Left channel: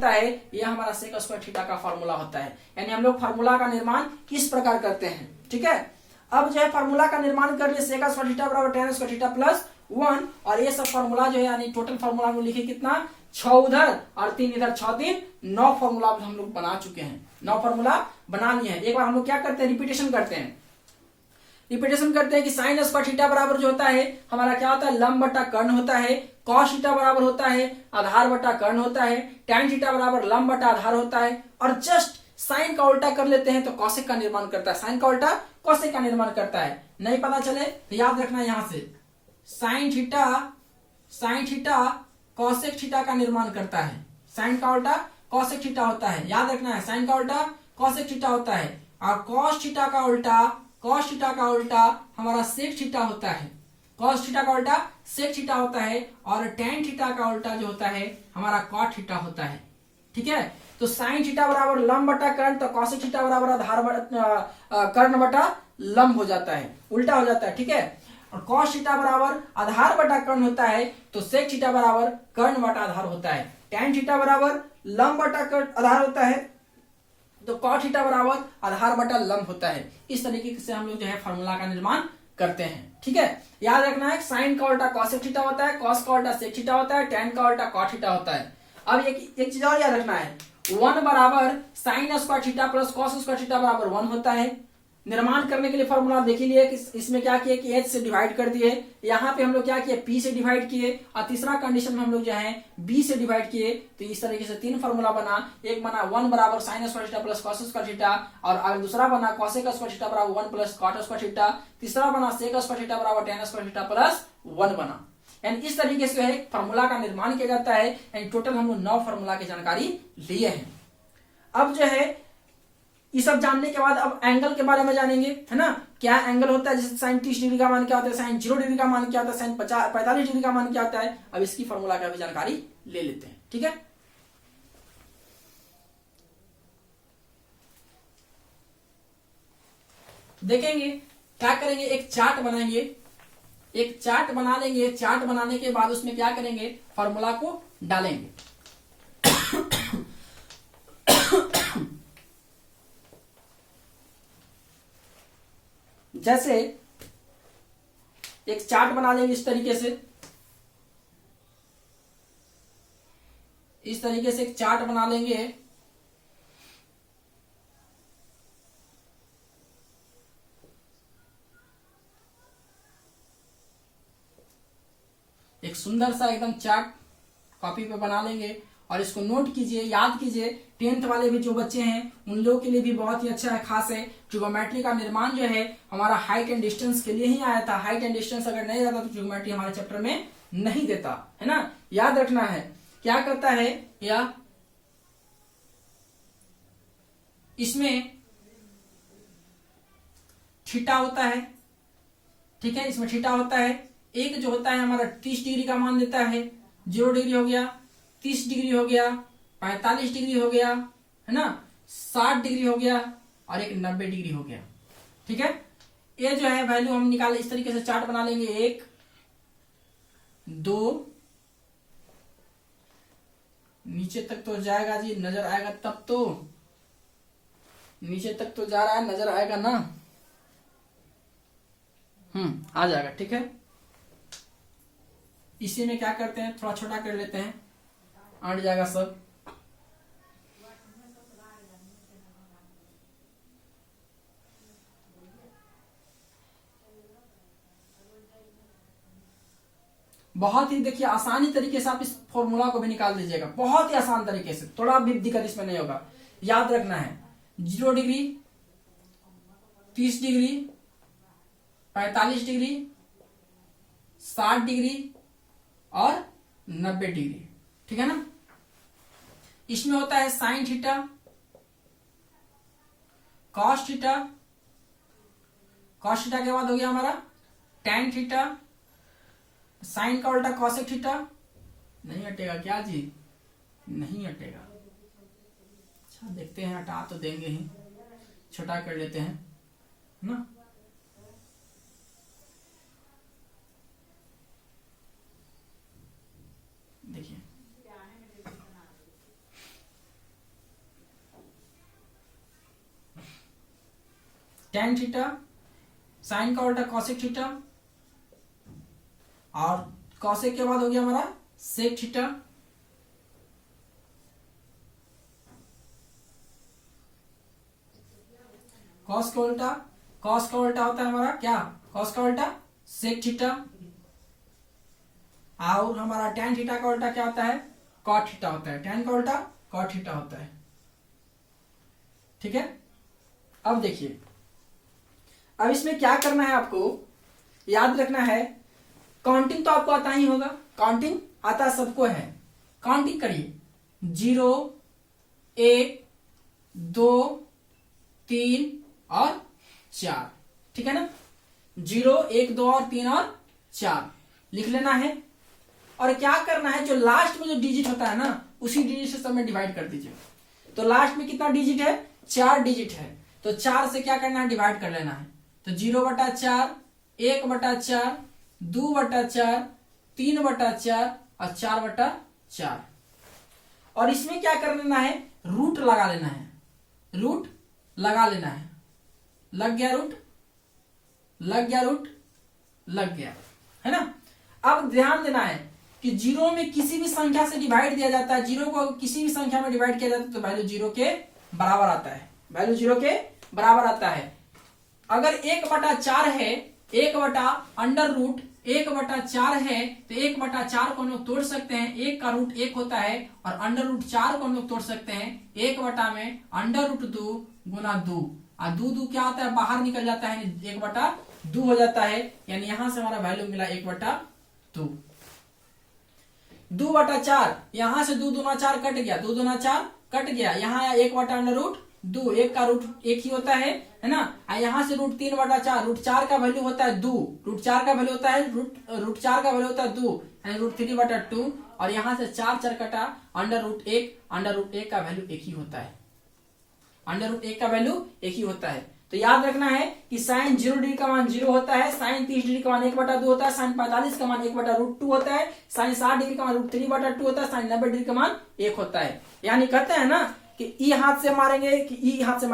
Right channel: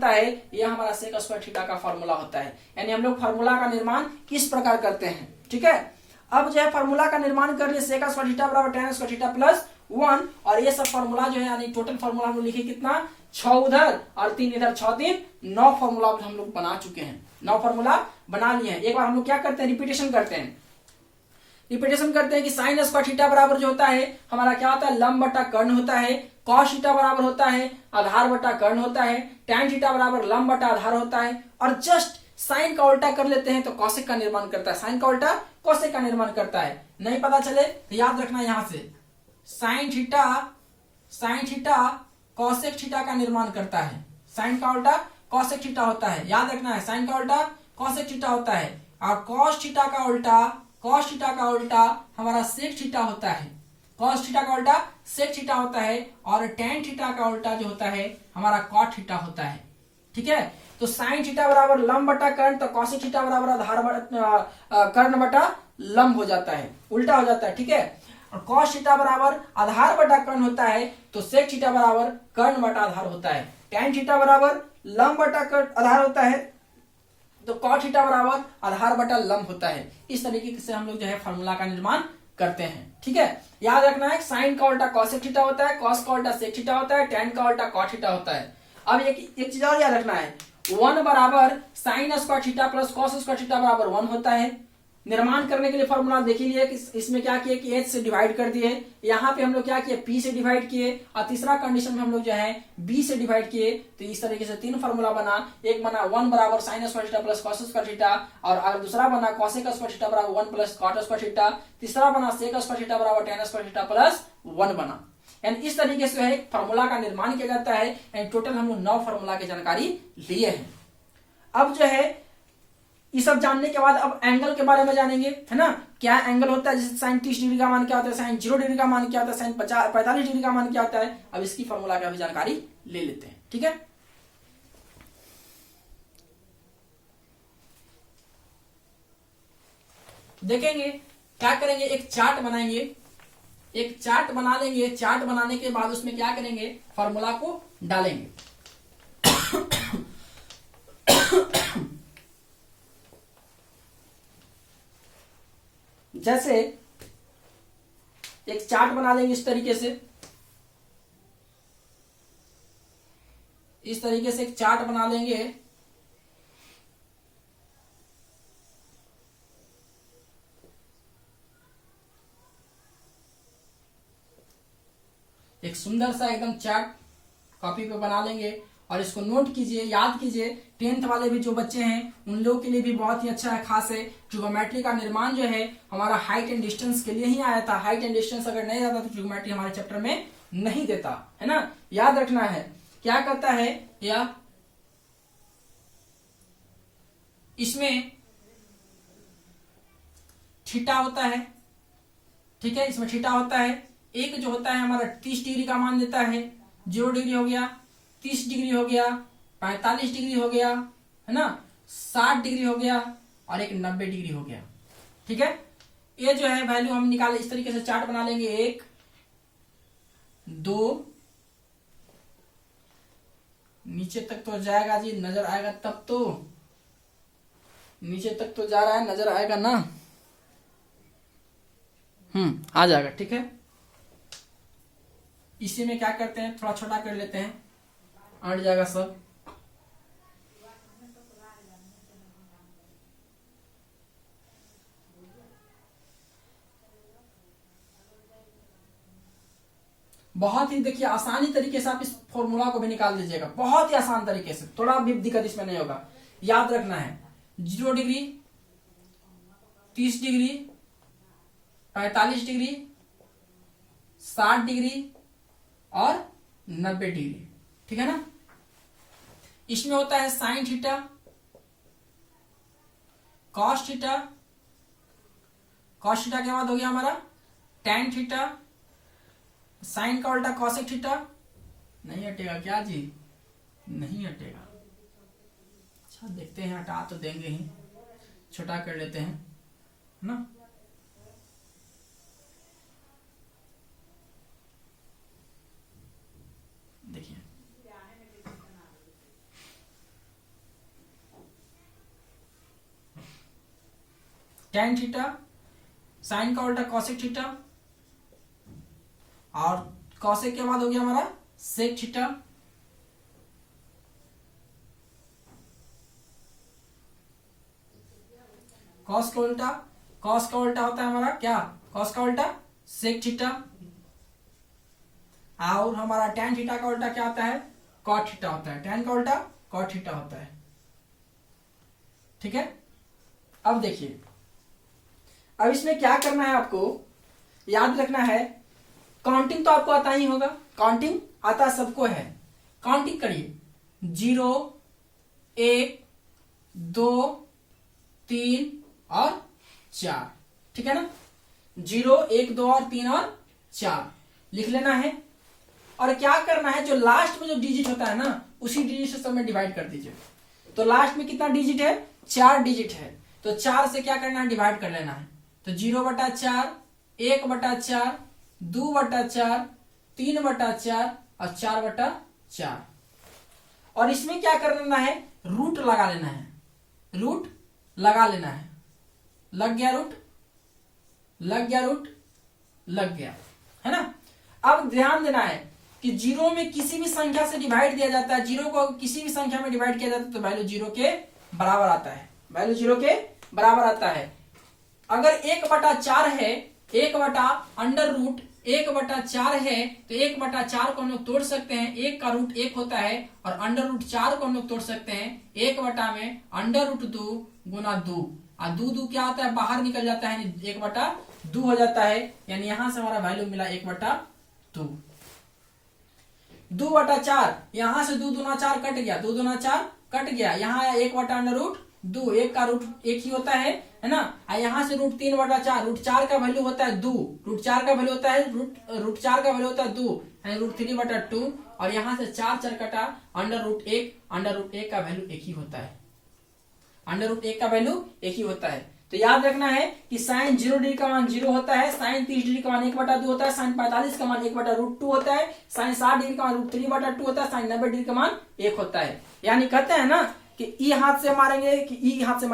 होता है ये हमारा सेक स्क्वायर थीटा का फॉर्मूला होता है। यानी हम लोग फार्मूला का निर्माण इस प्रकार करते हैं। ठीक है, अब जो है फार्मूला का निर्माण कर लिए सेक स्क्वायर थीटा बराबर tan स्क्वायर थीटा प्लस 1, और ये सब फार्मूला जो है यानी टोटल फार्मूला हम लोग लिखे कितना 6 उधर और 3 इधर, 6 3 9 फार्मूला हम लोग बना चुके हैं। 9 फार्मूला बना लिए हैं। एक बार हम लोग क्या करते हैं, रिपीटेशन करते हैं। रिपीटेशन करते हैं कि साइन स्क्वायर थीटा बराबर जो होता है हमारा क्या होता है, लंब बटा कर्ण होता है। कॉस थीटा बराबर होता है आधार बटा कर्ण होता है। टैन थीटा बराबर लंब बटा आधार होता है। और जस्ट साइन का उल्टा कर लेते हैं तो कॉसेक का निर्माण करता है। साइन का उल्टा कॉसेक का निर्माण करता है। नहीं पता चले तो याद रखना यहां से साइन थीटा कॉसेक थीटा का निर्माण करता है। साइन का उल्टा कॉसेक थीटा होता है, याद रखना है। साइन का उल्टा कॉसेक थीटा होता है और कॉस थीटा का उल्टा हमारा सेक थीटा होता है। कॉस थीटा का उल्टा सेक थीटा होता है और टेन थीटा का उल्टा जो होता है हमारा कॉट थीटा होता है। ठीक है, तो साइन थीटा बराबर लंब बटा कर्ण, तो कॉसेक थीटा बराबर आधार कर्ण बटा लंब हो जाता है, उल्टा हो जाता है। ठीक है, और कॉस थीटा बराबर आधार बटा कर्ण होता है तो सेक थीटा बराबर कर्ण बटा आधार होता है। टैन थीटा बराबर लंब बटा आधार होता है तो कॉट थीटा बराबर आधार बटा लंब होता है। इस तरीके से हम लोग जो है फार्मूला का निर्माण करते हैं। ठीक है, याद रखना है साइन का उल्टा कॉसेक थीटा होता है, कॉस का उल्टा सेक थीटा होता है, टैन का उल्टा कॉट थीटा होता है। अब एक चीज और याद रखना है, 1 बराबर sine square theta plus cos square theta बराबर 1 होता है। निर्माण करने के लिए फॉर्मूला देख लिया कि इसमें क्या किए कि h से डिवाइड कर दिए, यहाँ पे हम लोग क्या किए p से डिवाइड किए, और तीसरा कंडीशन में हम लोग जो है b से डिवाइड किए। तो इस तरीके से 3 फार्मूला बना। एक बना 1 बराबर sine square theta plus cos square theta, और दूसरा बना कॉसेक स्क्वायर थीटा बराबर 1 प्लस कॉट स्क्वायर थीटा, तीसरा बना सेक स्क्वायर थीटा बराबर टेन स्क्वायर थीटा प्लस 1 बना। यानी इस तरीके से है फार्मूला का निर्माण किया जाता है। यानी टोटल हम लोग 9 फार्मूला की जानकारी लिए हैं। अब जो है ये सब जानने के बाद अब एंगल के बारे में जानेंगे, है ना। क्या एंगल होता है, जैसे साइन 30 डिग्री का मान क्या होता है, साइन 0 डिग्री का मान क्या होता है, साइन 45 डिग्री का मान क्या होता है। अब इसकी फॉर्मूला का भी जानकारी ले लेते हैं। ठीक है, देखेंगे क्या करेंगे, एक चार्ट बनाएंगे, एक चार्ट बना लेंगे। चार्ट बनाने के बाद उसमें क्या करेंगे, फॉर्मूला को डालेंगे। जैसे एक चार्ट बना लेंगे इस तरीके से, इस तरीके से एक चार्ट बना लेंगे। एक सुंदर सा एकदम चार्ट कॉपी पे बना लेंगे और इसको नोट कीजिए, याद कीजिए। 10th वाले भी जो बच्चे हैं उन लोगों के लिए भी बहुत ही अच्छा है, खास है। ट्रिगोमेट्री का निर्माण जो है हमारा हाइट एंड डिस्टेंस के लिए ही आया था। हाइट एंड डिस्टेंस अगर नहीं रहता तो ट्रिगोमेट्री हमारे चैप्टर में नहीं देता, है ना। याद रखना है क्या करता है, या इसमें थीटा होता है। ठीक है, इसमें थीटा होता है। एक जो होता है हमारा 30 डिग्री का मान देता है, 0 डिग्री हो गया, 30 डिग्री हो गया, 45 डिग्री हो गया, है ना, 60 डिग्री हो गया और एक 90 डिग्री हो गया। ठीक है, ये जो है वैल्यू हम निकाले। इस तरीके से चार्ट बना लेंगे। 1 2 नीचे तक तो जाएगा जी, नजर आएगा तब तो, नीचे तक तो जा रहा है, नजर आएगा ना। आ जाएगा। ठीक है, इसी में क्या करते हैं, थोड़ा छोटा कर लेते हैं, अट जाएगा सब। बहुत ही देखिए आसानी तरीके से आप इस फॉर्मूला को भी निकाल दीजिएगा, बहुत ही आसान तरीके से, थोड़ा भी दिक्कत इसमें नहीं होगा। याद रखना है 0 डिग्री, 30 डिग्री, 45 डिग्री, 60 डिग्री और 90 डिग्री। ठीक है ना। इसमें होता है sine theta, cos theta, cos theta के बाद हो गया हमारा टैन थीटा, साइन का उल्टा कॉसेक थीटा। नहीं हटेगा क्या जी, नहीं हटेगा। अच्छा देखते हैं, हटा तो देंगे ही, छोटा कर लेते हैं, है ना। देखिए tan थीटा, साइन का उल्टा cosec थीटा, और cosec के बाद हो गया हमारा sec थीटा, cos का उल्टा होता है हमारा क्या, cos का उल्टा sec थीटा, और हमारा tan थीटा का उल्टा क्या होता है, cot थीटा होता है, tan का उल्टा cot थीटा होता है। ठीक है, अब देखिए, अब इसमें क्या करना है, आपको याद रखना है, काउंटिंग तो आपको आता ही होगा, काउंटिंग आता सबको है, काउंटिंग करिए 0 1 2 3 और 4, ठीक है ना, 0 1 2 और 3 और 4 लिख लेना है। और क्या करना है, जो लास्ट में जो डिजिट होता है ना, उसी डिजिट से सब में डिवाइड कर दीजिए। तो लास्ट में कितना डिजिट है, 4 डिजिट है, तो 4 से क्या करना है, डिवाइड कर लेना है। तो 0/4, 1/4, 2/4, 3/4 और 4/4। और इसमें क्या कर लेना है, रूट लगा लेना है, रूट लगा लेना है। लग गया रूट, लग गया रूट, लग गया, है ना। अब ध्यान देना है कि 0 में किसी भी संख्या से डिवाइड दिया जाता है, 0 को किसी भी संख्या में डिवाइड किया जाता है तो वैल्यू 0 के बराबर आता है, वैल्यू 0 के बराबर आता है। अगर 1/4 है, 1/√1/4 है, तो 1/4 को हम लोग तोड़ सकते हैं, 1 का रूट 1 होता है, और √4 को हम लोग तोड़ सकते हैं 1/2 गुना 2, और 2 क्या होता है, बाहर निकल जाता है, 1/2 हो जाता है, यानी यहां से हमारा वैल्यू मिला 1/2। 2/4, यहां से 2 दूना 4 कट गया, 2 दूना 4 कट गया, यहाँ आया 1/√2, 1 का रूट 1 ही होता है ना। यहाँ से √3/4, √4 का वैल्यू होता है 2, √4 का वैल्यू होता है √4 का वैल्यू होता है 2, यानी √3/2, और यहाँ से 4 कटा, √1 का वैल्यू 1 ही होता है, √1 का वैल्यू 1 ही होता है। तो याद रखना है कि साइन 0 डिग्री का मान 0 होता है, साइन 30 डिग्री का मान 1/2 होता है, साइन 45 का मान 1/√2 होता है, साइन 60 डिग्री का मान √3/2 होता है, साइन 90 डिग्री का मान 1 होता है। यानी कहते हैं ना कि ई हाथ से मारेंगे कि ई हाथ से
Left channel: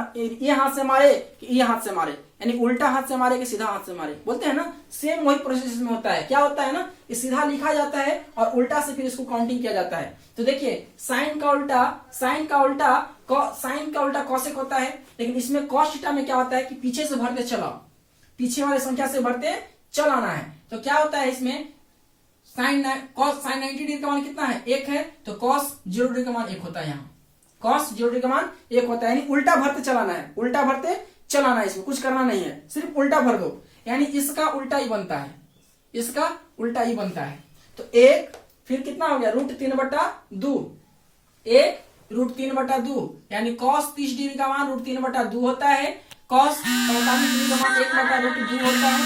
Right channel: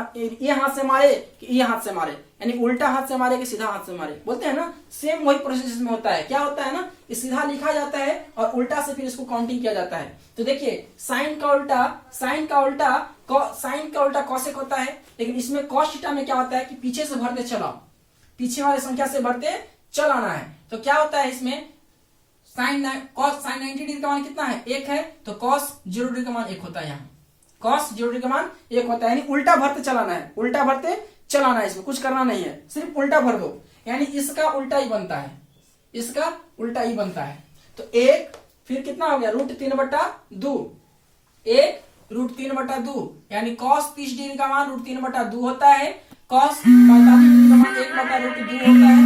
ये हाथ से मारे कि ई हाथ से मारे, यानी उल्टा हाथ से मारे कि सीधा हाथ से मारे, बोलते हैं ना, सेम वही प्रोसेस में होता है। क्या होता है ना कि सीधा लिखा जाता है और उल्टा से फिर इसको काउंटिंग किया जाता है। तो देखिए, साइन का उल्टा कॉसेक होता है, लेकिन इसमें कॉस थीटा में क्या होता है कि पीछे से भरते चलाओ, पीछे वाले संख्या से भरते चलाना है। तो क्या होता है इसमें, कॉस साइन 90 डिग्री का मान कितना है, 1 है, तो कॉस 0 डिग्री का मान 1 होता है, यहाँ कॉस 0 डिग्री का मान 1 होता है, यानी उल्टा भरते चलाना है, उल्टा भरते चलाना है, इसमें कुछ करना नहीं है, सिर्फ उल्टा भर दो, यानी इसका उल्टा ही बनता है, इसका उल्टा ही बनता है। तो 1 फिर कितना हो गया, √3/2, 1 √3/2, यानी cos 30 डिग्री का मान √3/2 होता है, cos 45 डिग्री का मान 1/√2 होता है।